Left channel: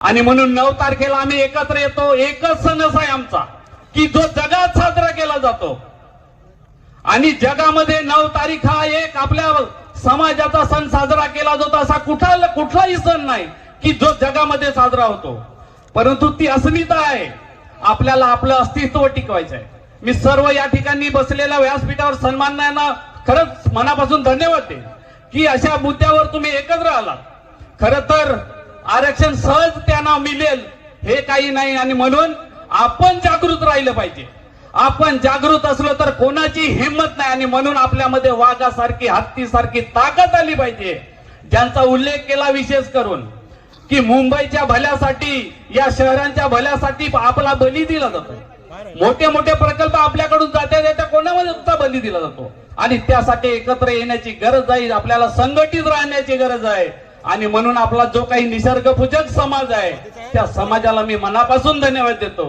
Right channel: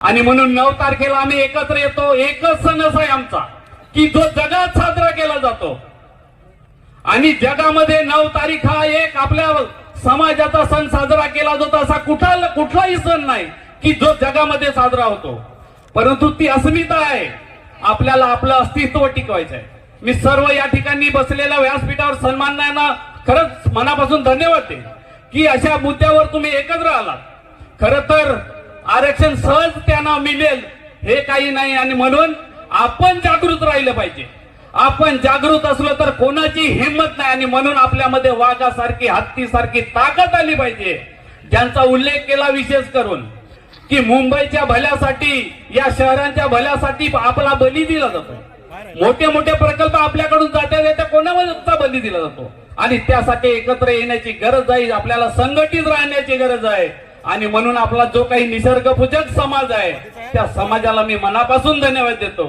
आणि म्हणून 9 तारखेला आम्ही एकत्र येतो. एकच संदेश आहे आमचा की जो जगात साजरा केला जातो आणि जगामध्ये 9 तारीख हा एक आपल्या समाजाचा सण साजरा केला जातो असा कुठलाही सण नाही की जो जगामध्ये साजरा होतो. परंतु ती अस्मिता आहे, आपल्याला आपलं अस्तित्व टिकवायचं आहे. मी सर्व या ठिकाणी बसलेल्या व्यासपीठावर सन्मानना खरंच मनापासून धन्यवाद देईन की अशा मुद्द्यावर तुम्ही एकत्र आलात. खरं तर आरक्षण सहज त्यांना मिळेल हे काही नाही आणि म्हणून आपण जागृत राहिलं पाहिजे. आपण जागृत असलो तर कोणाची हिंमत नाही आणि म्हणून आपल्यामध्ये वाघासारखी हत्तीसारखी ताकद आली पाहिजे. ज्यांचा उल्लेख केला विशेष करून की मुंबईच्या भल्यासाठी या शहरांच्या भल्यासाठी आपला बली दिला जातो. मोठे मोठे प्रकल्प आपल्याकडून जाते कोणाचा बली दिला जातो आणि त्यासाठी एकत्र येण्याची गरज आहे. आपल्याला संघटित राहण्याची गरज आहे आणि म्हणून आपला जो काही निसर्गपूजक समाज आहे त्या समाजाला मी मनापासून धन्यवाद देतो.